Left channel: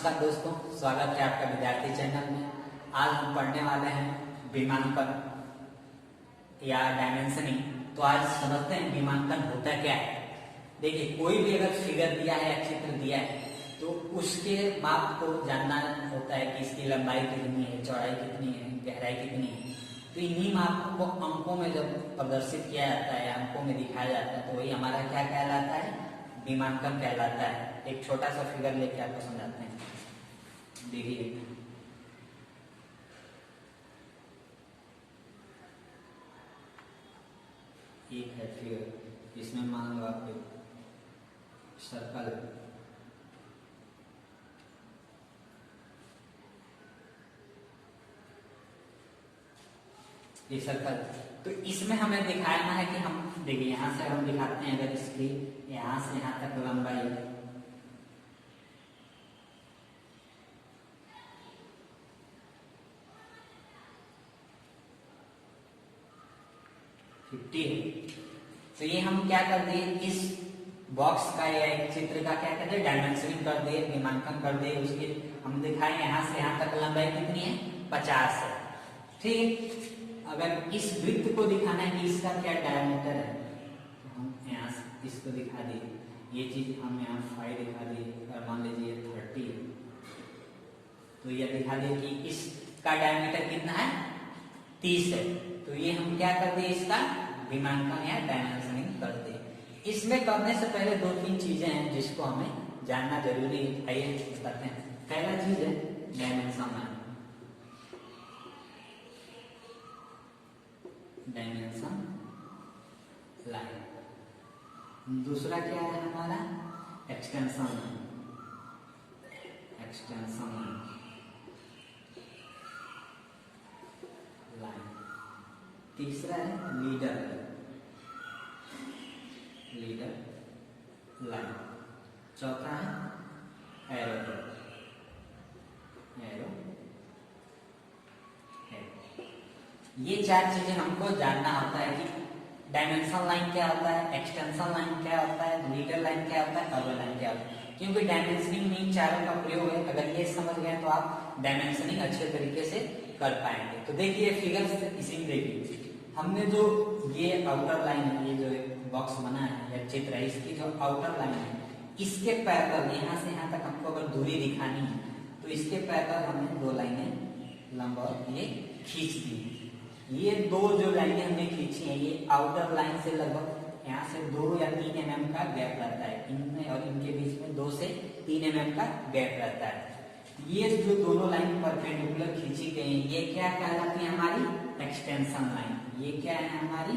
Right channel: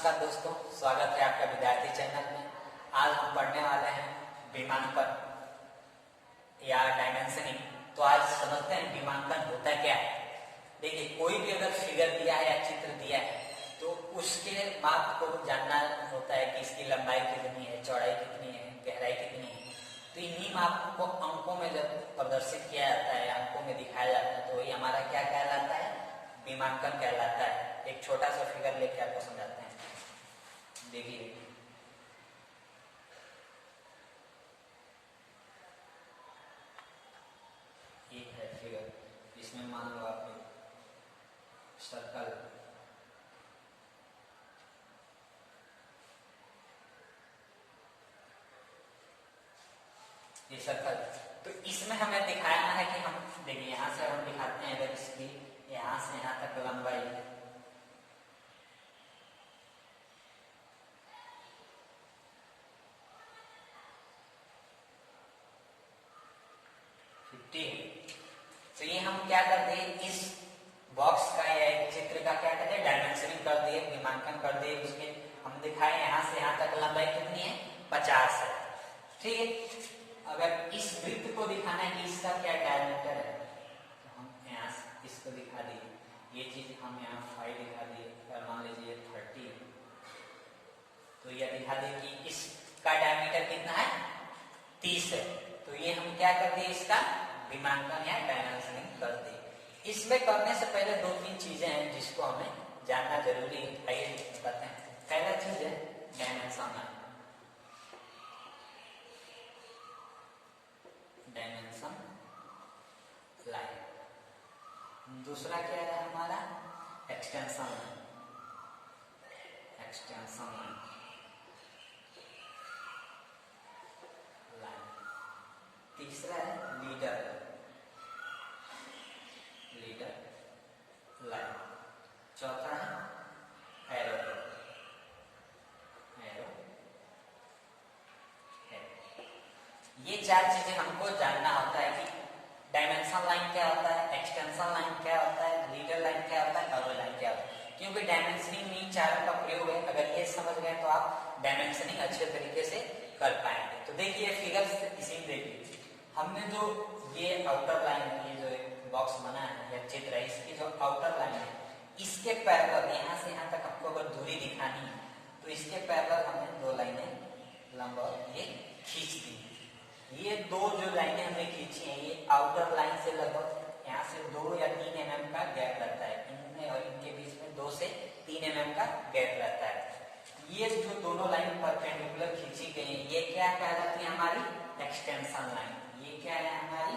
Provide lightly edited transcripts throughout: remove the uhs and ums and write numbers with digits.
नमस्कार दोस्तों, स्वागत है आपका विद्यार्थी चैनल में। आज हम पढ़ने वाले हैं विमांकन या डायमेंशनिंग। तो आज समझते हैं विमांकन होता क्या है। देखिए, कोई भी अगर फिगर दिया है या चित्र दिया है तो उसके माप को जानना होता है कि इसकी लंबाई कितनी है, चौड़ाई कितनी है, गहराई कितनी है। तो इन्हीं माप को अंकों में जब प्रदर्शित किया जाता है, अंकों में दिखाया जाता है, तो वही हमारा क्या कहलाता है, विमांकन कहलाता है। एक छोटा सा फिगर लेके आपको समझाते हैं। देखिए, एक है फिगर, इसमें मान लो आप सर्कल, ये सर्कल। तो इसमें हमें दिखाना है कि हम देखिए, यहां से हम दिखाते हैं अगर इसकी यहां से यहां तक लंबाई 50 है। तो ये हम क्या कर दिए, इस बॉक्स का या एक चित्र का क्या कहते हैं, डायमेंशनिंग कर दिए, विमांकन कर दिए। उसके हम दिखाए यहां से यहां तक लंबाई कितनी है, 50 है। ठीक, अगर इस वृत्त को दिखाना है कि इसका क्या डायमीटर है, तो हम यहाँ से इसको दिखा दिए। ये चीज हम यहाँ 5 दिखा दिए, और मान लीजिए 30 है, तो यह दिखा दिए कि इसका डायमीटर कितना है, 30 है। तो ये हम क्या कर दिए, इसका विमांकन या डायमेंशनिंग कर दिए। इसमें करने से पहले 2-3 चीजें हैं जिसको हमें जानना जरूरी है। आइए बताते हैं। पहला चीज है डायमेंशन लाइन। Dimension line. दूसरा क्या है हमारा, एक्सटेंशन लाइन। Extension line. तीसरा है लीडर लाइन। चौथा है एरो हेड। ये 4 चीजें हमको जानना होता है कि डायमेंशन लाइन क्या होता है, एक्सटेंशन लाइन क्या होता है, लीडर लाइन क्या होता है, एरो लाइन क्या होता है। क्योंकि डायमेंशनिंग में इन चारों का प्रयोग है। अगर ये समझ गए तो आप डायमेंशनिंग अच्छे तरीके से कर पाएंगे। तो देखिए फिगर इसी में देखिए, हमने जो ये आउटर लाइन है, ये जो एक बॉक्स बना है या चित्र है, इसकी जो आउटर लाइन है, इसके पैरेलल यहाँ से यहाँ तक हमको अगर दूरी दिखानी है तो इसके पैरेलल हमने 2 लाइनें लंबवत ये खींच दी है। ये 2 जो लाइनें हमने खींची हैं, ये आउटर लाइन से लगभग यहाँ से 2 या 3 mm का गैप रहता है। इनमें और इनके बीच में 2 से 3 mm का गैप रहता है। ये जो दोनों लाइन परपेंडिकुलर खींची गई है, ये क्या कहलाती है, हमारी एक्सटेंशन लाइन। ये क्या है, हमारी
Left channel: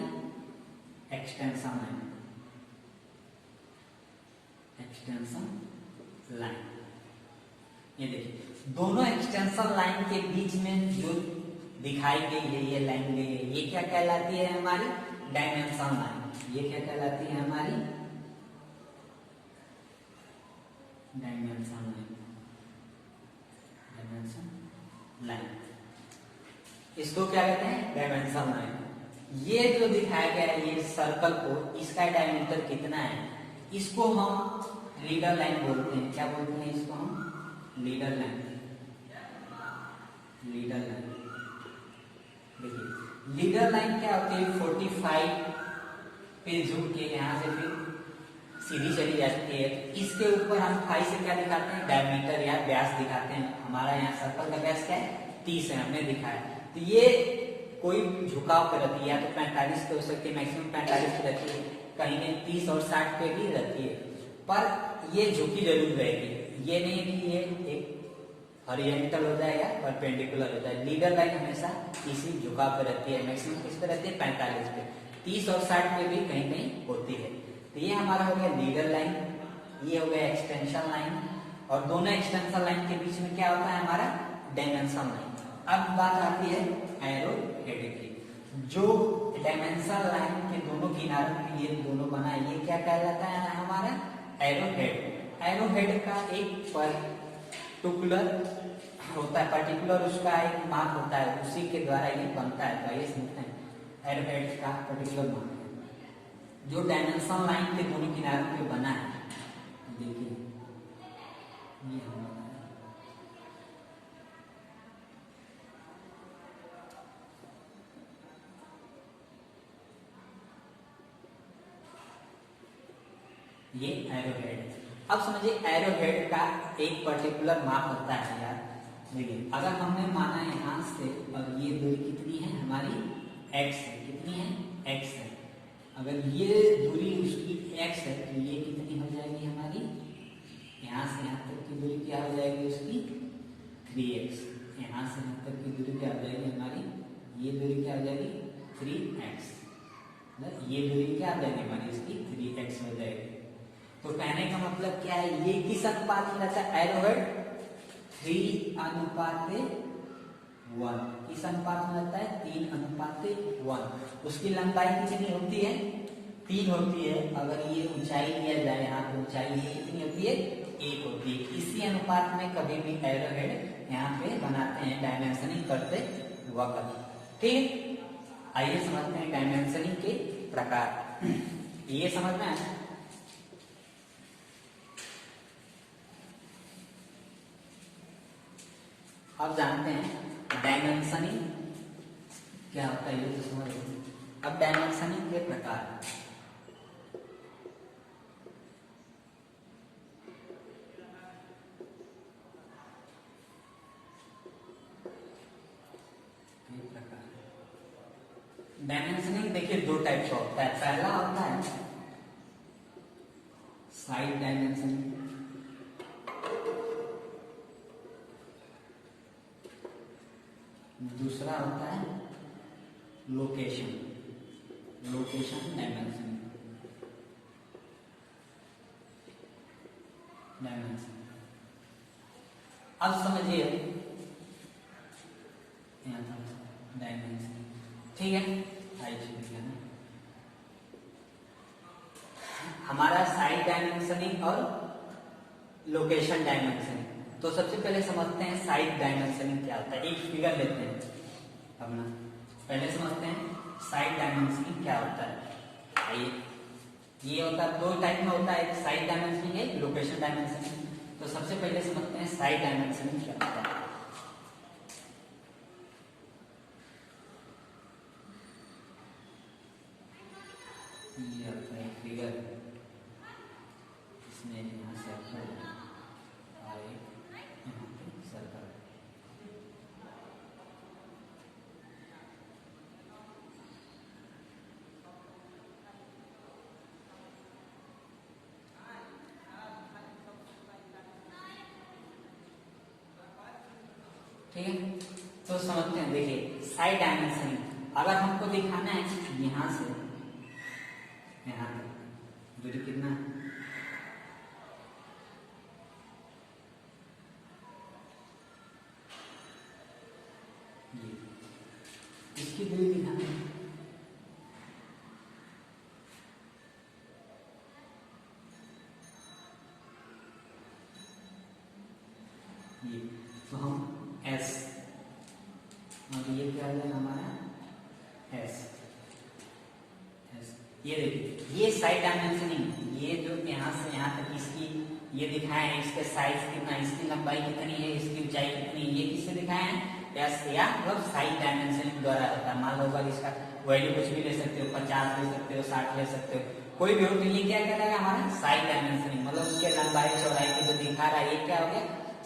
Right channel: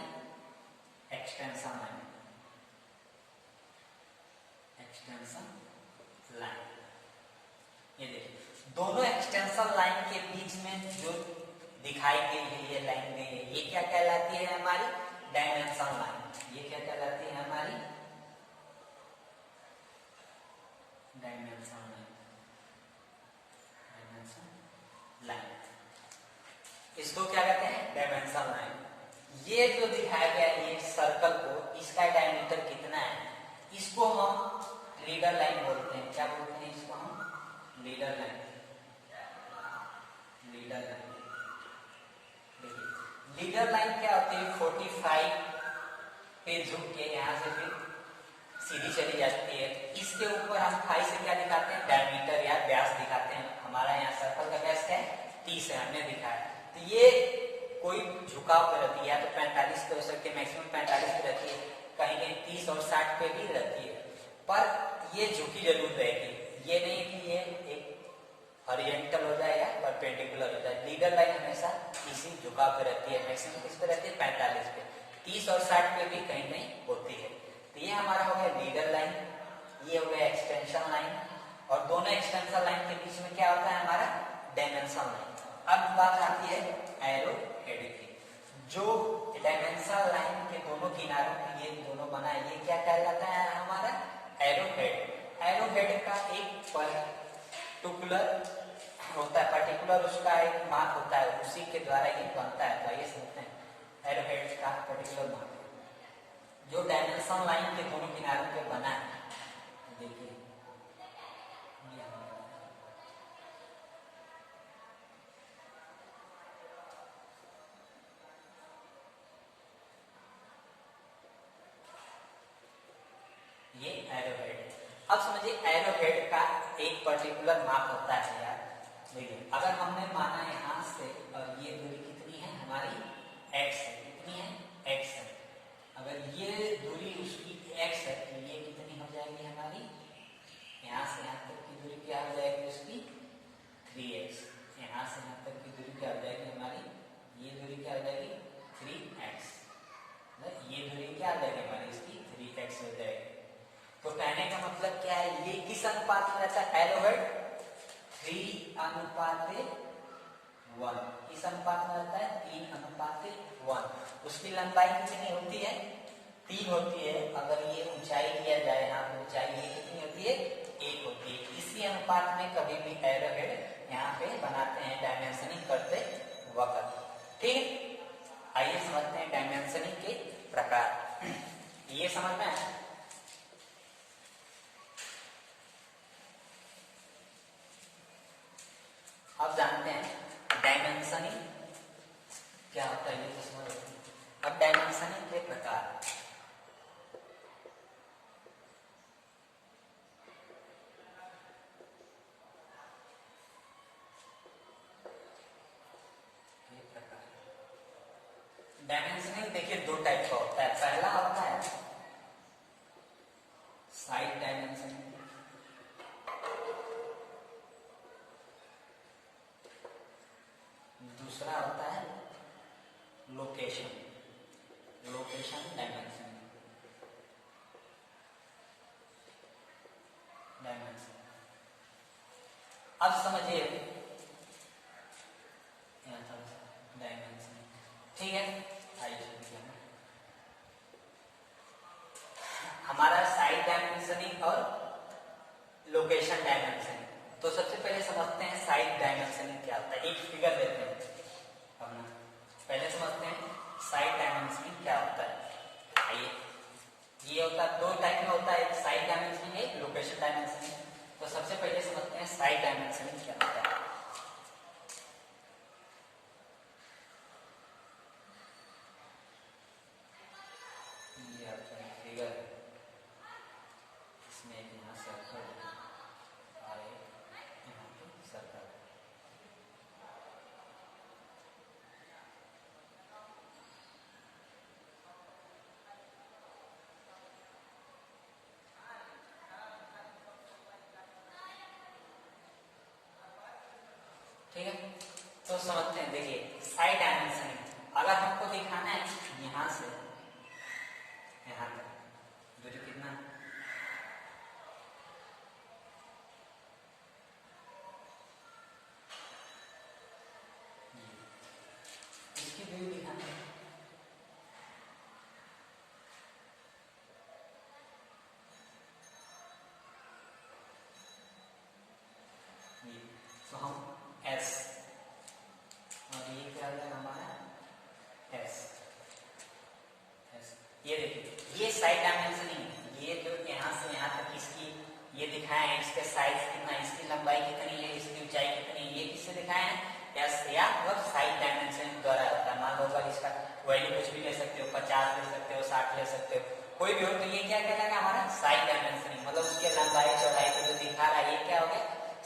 एक्सटेंशन लाइन। Extension line. ये देखिए, दोनों एक्सटेंशन लाइन के बीच में जो दिखाई गई है, ये लाइन गई है, ये क्या कहलाती है, हमारी डायमेंशन लाइन। ये क्या कहलाती है, हमारी डायमेंशन लाइन। लाइन, इसको क्या कहते हैं, डायमेंशन लाइन। ये जो दिखाया गया है, ये सर्कल को, इसका डायमीटर कितना है, इसको हम लीडर लाइन बोलते हैं। क्या बोलते हैं इसको हम, लीडर लाइन। Leader line. देखिए, लीडर लाइन क्या होती है, 45 पे झुक के यहाँ से फिर सीधी चली जाती है। इसके ऊपर हम 5 से क्या दिखाते हैं, डायमीटर या व्यास दिखाते हैं। हमारा यहाँ सर्कल का व्यास क्या है, 30 है, हमने दिखाया। तो ये कोई झुकाव पे रहती है, या तो 45 पे हो सकती है, मैक्सिमम 45 पे रहती है, कहीं में 30 और 60 पे भी रहती है, पर ये झुकी जरूर रहेगी। ये नहीं कि ये एक हॉरिजॉन्टल हो जाएगा, परपेंडिकुलर हो जाएगा। लीडर लाइन हमेशा इसी झुकाव पे रहती है। मैक्सिमम किस पे रहती है, 45 पे। 30 और 60 पे भी कहीं कहीं होती है। तो ये हमारा हो गया लीडर लाइन, ये हो गया एक्सटेंशन लाइन, और दोनों एक्सटेंशन लाइन के बीच में क्या होता है, हमारा डायमेंशन लाइन। अब बात आती है एरो हेड की। जो डायमेंशन लाइन के दोनों किनारों पे ये दोनों बना है, ये क्या कहलाता है, हमारा एरो हेड। एरो हेड का एक पर्टिकुलर होता है, पर्टिकुलर उसका एक माप होता है, उसी के द्वारा ये बनता है। तो ये समझते हैं एरो हेड का पर्टिकुलर माप जो डायमेंशन लाइन के दोनों किनारों पे बना है। देखिए, ये ये एरो हेड। अब समझिए एरो हेड का एक पर्टिकुलर माप होता है यार। देखिए अगर हमने माना यहाँ से और ये दूरी कितनी है हमारी x है, कितनी है x है। अगर ये दूरी उसकी x है तो ये कितनी हो जाएगी हमारी, यहाँ से यहाँ तक की दूरी क्या हो जाएगी उसकी 3x। यहाँ से यहाँ तक की दूरी क्या हो जाएगी हमारी, ये दूरी क्या हो जाएगी 3x। ये दूरी क्या हो जाएगी हमारी इसकी 3x हो जाएगी। तो कहने का मतलब क्या है, ये किस अनुपात में रहता है एरो हेड 3:1। किस अनुपात में रहता है 3:1। उसकी लंबाई कितनी होती है 3 होती है। अगर ये ऊंचाई लिया जाए यहाँ पे ऊंचाई ये कितनी होती है 1 होती है। इसी अनुपात में कभी भी एरो हेड यहाँ पे बनाते हैं डायमेंशनिंग करते वक्त। ठीक, आइए समझते हैं डायमेंशनिंग के प्रकार। ये समझना है। अब जानते हैं डायमेंशनिंग क्या होता है, ये तो समझ रहे। अब डायमेंशनिंग के प्रकार। डायमेंशनिंग देखिए दो टाइप का होता है। पहला होता है साइड डायमेंशनिंग, दूसरा होता है लोकेशन डायमेंशनिंग। अब समझिए डायमेंशन, ठीक है। हमारा साइड डायमेंशनिंग और लोकेशन डायमेंशनिंग। तो सबसे पहले समझते हैं साइड डायमेंशनिंग क्या होता है। एक फिगर लेते हैं अपना, पहले समझते हैं साइड डायमेंशनिंग क्या होता है। आइए, ये होता है दो टाइप में होता है, एक साइड डायमेंशनिंग है लोकेशन डायमेंशनिंग। तो सबसे पहले समझते हैं साइड डायमेंशनिंग क्या होता है। ये आपका एक फिगर है, इसमें यहाँ सर्कल और यहाँ पे सर्कल। ठीक है, तो समझते हैं। देखिए साइड डायमेंशनिंग अगर हमको दिखाना है यहाँ से यहाँ तक दूरी कितना है, इसकी दूरी दिखाना है। ये तो हम S और ये क्या है हमारा S। ये देखिए ये साइड डायमेंशनिंग, ये जो यहाँ से यहाँ तक इसकी ये दिखाए हैं, इसके साइज कितना, इसकी लंबाई कितनी है, इसकी ऊंचाई कितनी है, ये किससे दिखाए हैं एस या मतलब साइड डायमेंशनिंग द्वारा होता है। मान लो अगर इसका वैल्यू कुछ भी ले सकते हो, 50 ले सकते हो, 60 ले सकते हो, कोई भी हो, तो ये क्या कहलाएगा हमारा साइड डायमेंशनिंग। मतलब उसके लंबाई चौड़ाई को जो दिखा रहा है ये क्या हो गया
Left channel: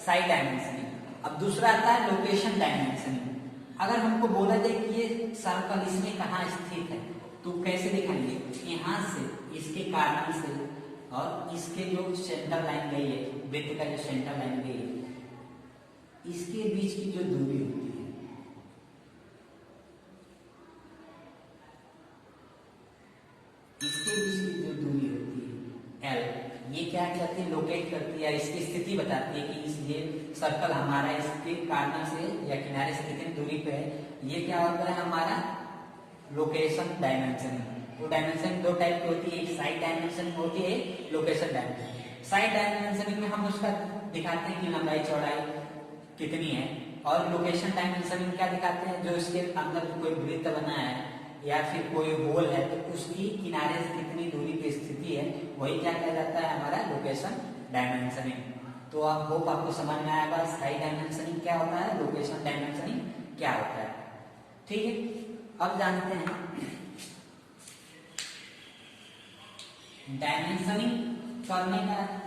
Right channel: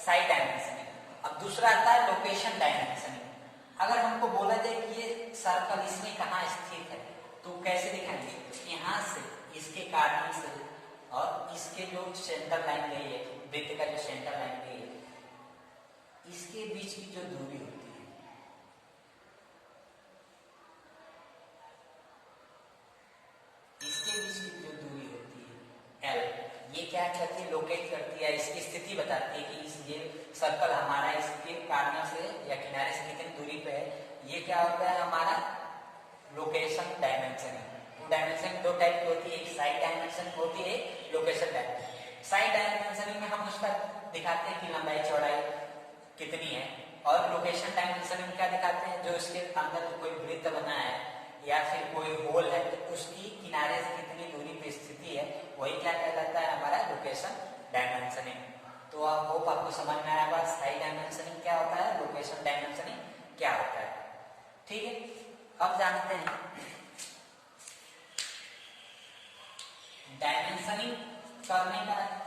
साइड डायमेंशनिंग। अब दूसरा आता है लोकेशन डायमेंशनिंग। अगर हमको बोला जाए कि ये सर्कल इसमें कहाँ स्थित है तो कैसे दिखाएंगे, यहाँ से इसके कारण से और इसके जो सेंटर लाइन गई है, वृत्त का जो सेंटर लाइन गई है, इसके बीच की जो दूरी होती है, इसके बीच की जो दूरी होती है L, ये क्या करती है लोकेट करती है, इसकी स्थिति बताती है कि इस ये सर्कल हमारा इसके कारण से या किनारे से कितनी दूरी पे है। ये क्या होता है हमारा लोकेशन डायमेंशनिंग। वो डायमेंशनिंग दो टाइप की होती है, एक साइड डायमेंशनिंग होती है, लोकेशन डायमेंशनिंग। साइड डायमेंशनिंग में हम उसका दिखाते हैं कि लंबाई चौड़ाई कितनी है, और लोकेशन डायमेंशनिंग क्या दिखाते हैं जो इसके अंदर कोई वृत्त बना है या फिर कोई होल है तो उसकी किनारे से कितनी दूरी पे स्थिति है, वही क्या कहलाता है हमारा लोकेशन डायमेंशनिंग। तो आप होप आपको समझ में आया होगा साइड डायमेंशनिंग क्या होता है, लोकेशन डायमेंशनिंग क्या होता है। ठीक है, अब जानते हैं डायमेंशनिंग सॉल्व नहीं करा है।